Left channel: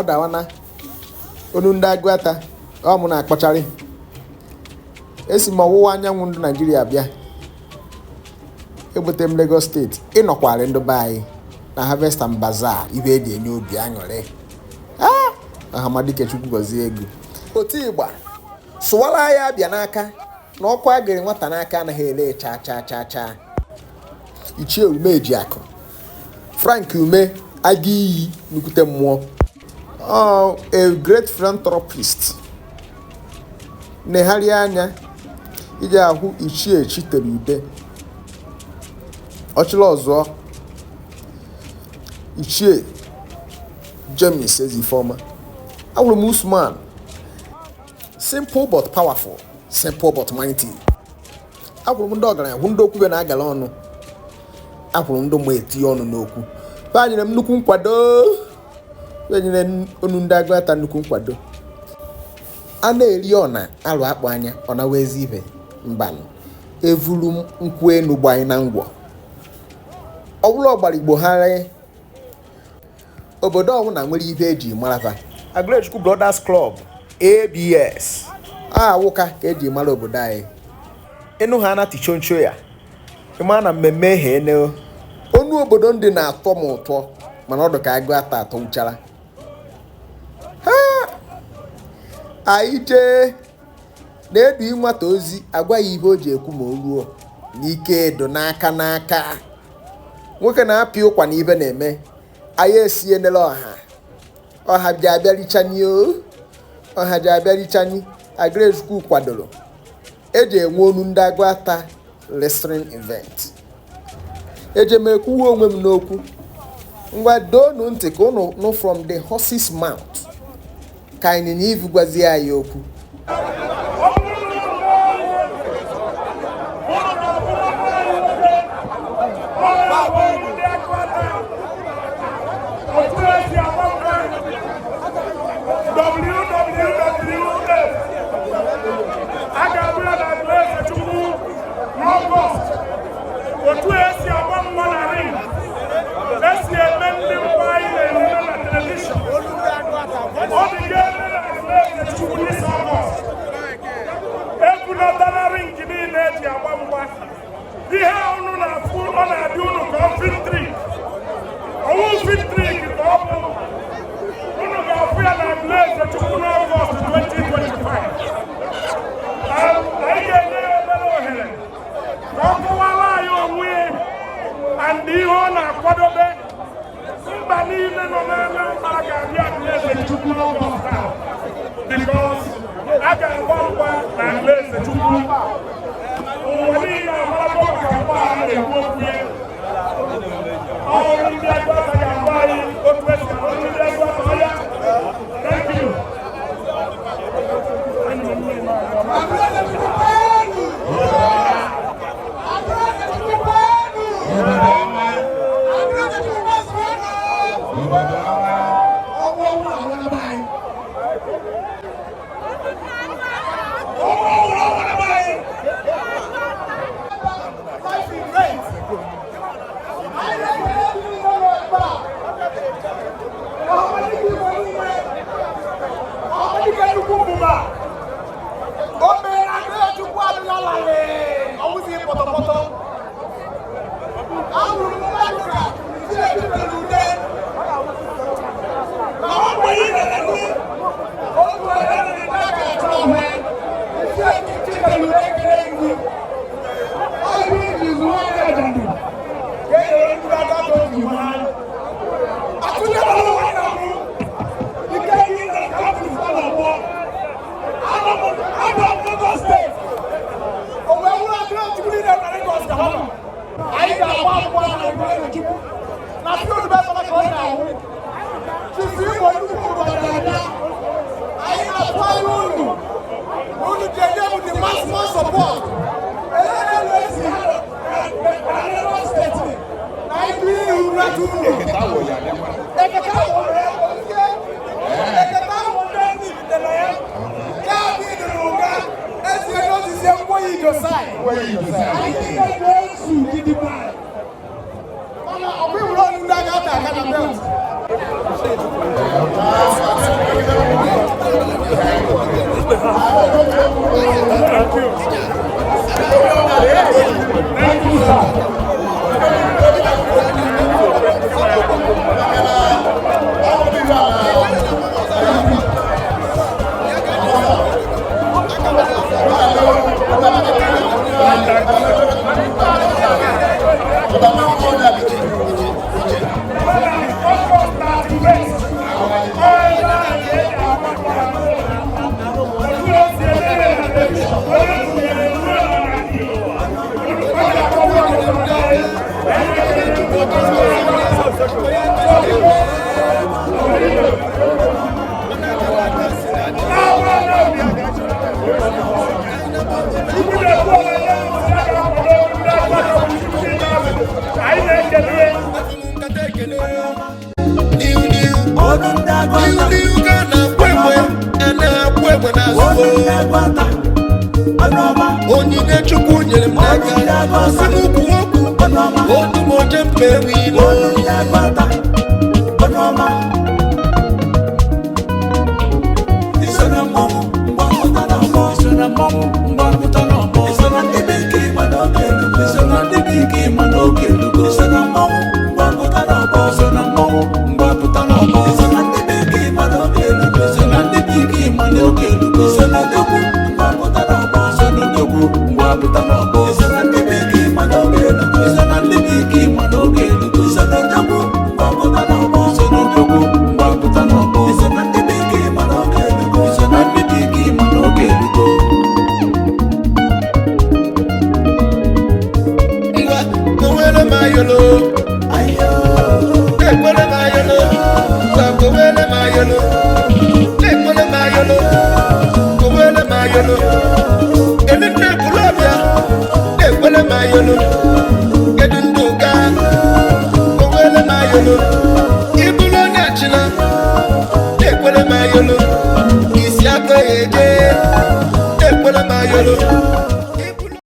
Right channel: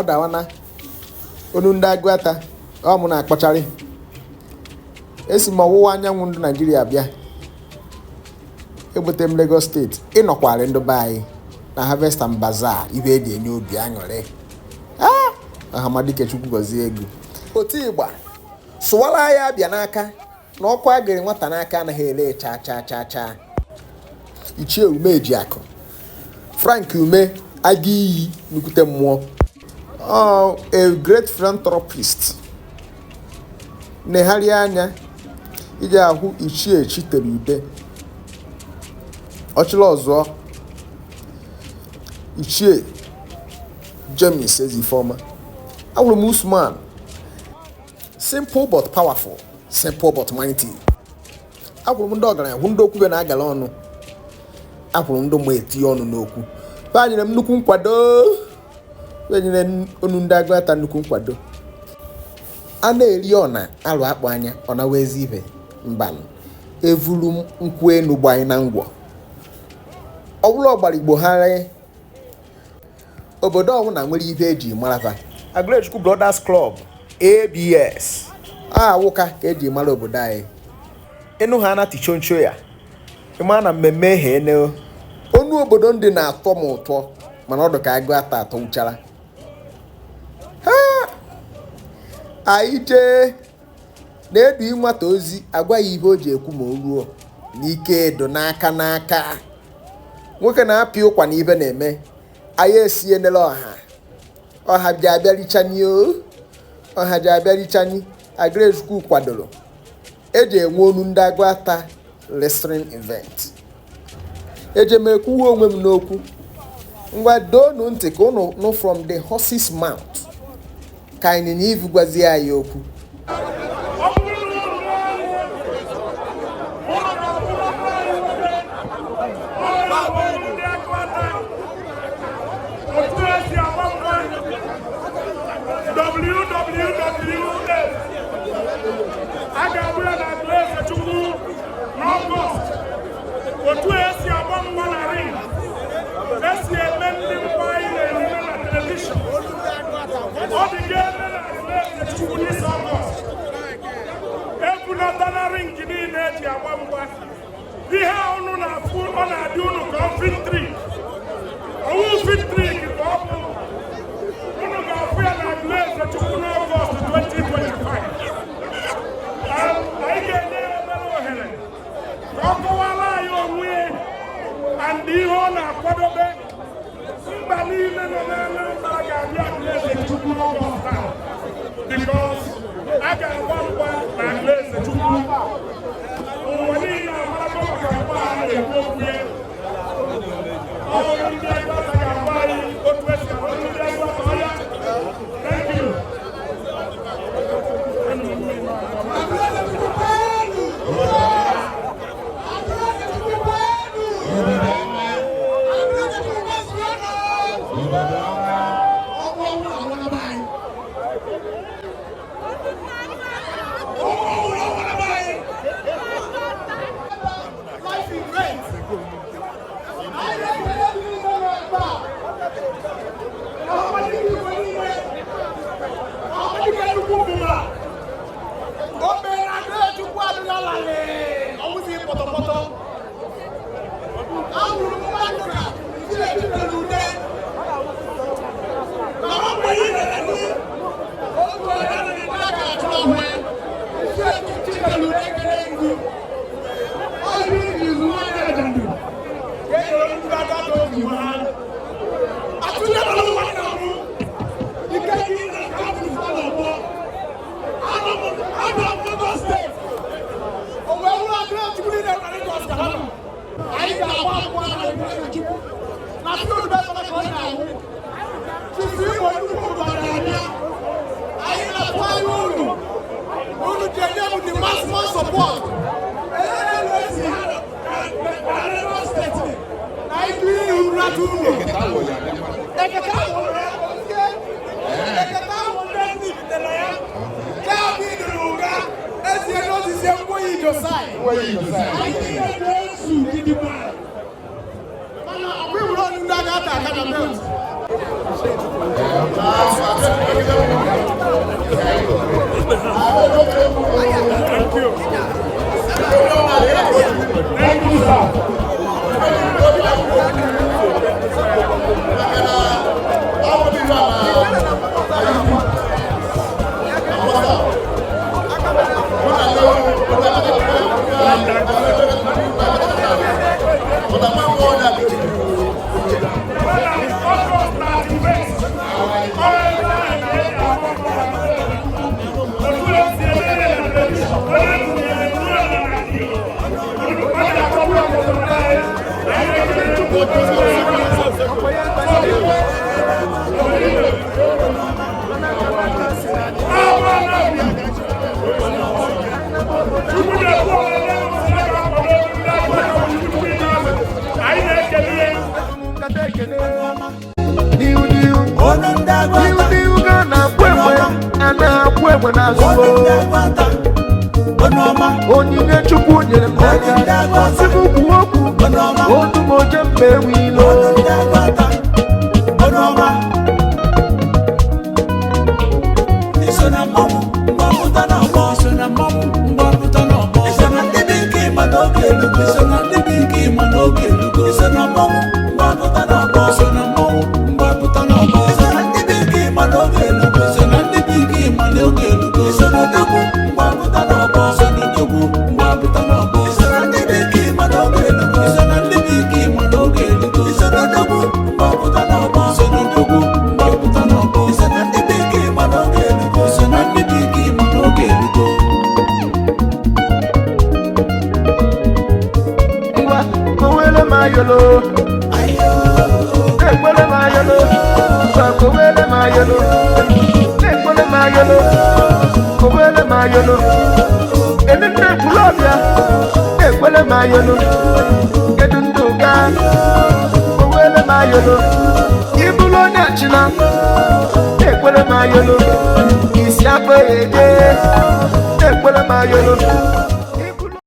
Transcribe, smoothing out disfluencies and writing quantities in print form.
ọ dawana onu ndị Agụata ọ mụ na-akpọcharị esi m ọwụwa anyanwụ ndị Naijiria bịa ebute m Lagos steeti ịnọkwari ndị be anyị na Harvest and Bazaar ibe eji enye obi aṅụrị Ahamadike Chukwu gọzie ego otu ịgba sụwara ya bịa n'aka na ọkụ agịrị nwata n'aka anaghị ele cha Ichie Ume Ejiakụ Frank Ume aga iyi nukwute mmụọ a great philanthropist negharị anya iji ahụ Ichie Chitere Ude ọchịla ọzọ Ichie James Ezifoma awụrụ m Usman simple but powerful simple but mighty agwụrụ m ndị ọgaranya hụ ndị okwu na-agala ọnụ agwụrụ m ndị mma etinye ọnụ n'okwu banyere m nnukwu nkwado enyere onu ndị Agụata nnukwu nkwado a na-eri ọna alụ akpụ anya ọ na wezi ibe mba evuru m nkwụ enu gbanye na ngwọ ọbụla ọgbara Igbo ha obodo ọbụla nwere ibe eji maraba Agụlechukwu Brothers Club ABS awụka ka eji mara obodo anyị ịnụ ha na tichoncho ya ịma na mmemme hene onu obodo ndị na-atọ m ụtọ mana ọdụ ka Agụata atọ uchara anyị jee na-edu nwata ozi agwa ya ihe o ji ekwu ma o ruo n'ike edo n'aka nwoke na-apị ụkwa na ibe na-eme anyị esienele ọha ji abịarichani Agụlechukwu kwadoro eji enwe onu ndị Agụata wrestling event eji m ekwuwe onwe m n'okwu ngwa doonu ntị ka unu nụ from the horse's mouth ka anyị na ivu gwazie anyị okwu otu esi agba mgba na ring esi eme ndị mgba anyị na-eme na telivishọn ọ dị ga-eme na Agụlechukwu n'isi Ọgọst ebunatara ring niile eji agba mgba ihe unu na-afụ ọ na-adị unu ka ọ fitrik ọwụ fitrik ka ọ bụ unu ga-afụ ya na Agụlechukwu n'Ọgọst 2025 anyị ga-enye ya obere ohere ka ọ kọwara anyị onwe and ihe ọ na-akwadobe mba niile nọ n'anya mba ga-abịa Agụlechukwu n'Ọgọst a because a ga-agba mgba na Agụlechukwu ụwa niile amarago maka mgba a na-ekwu okwu ya ọrụ ndị Agụata ga-agba anyị otu esi ọrụ ndị Agụata ya. Thank you. Onyinye Chukwu nyere m n'aka ọsị m kwuo okwu otu m oje mkpa ewu ilo isi akpa eje ekwele ma yolo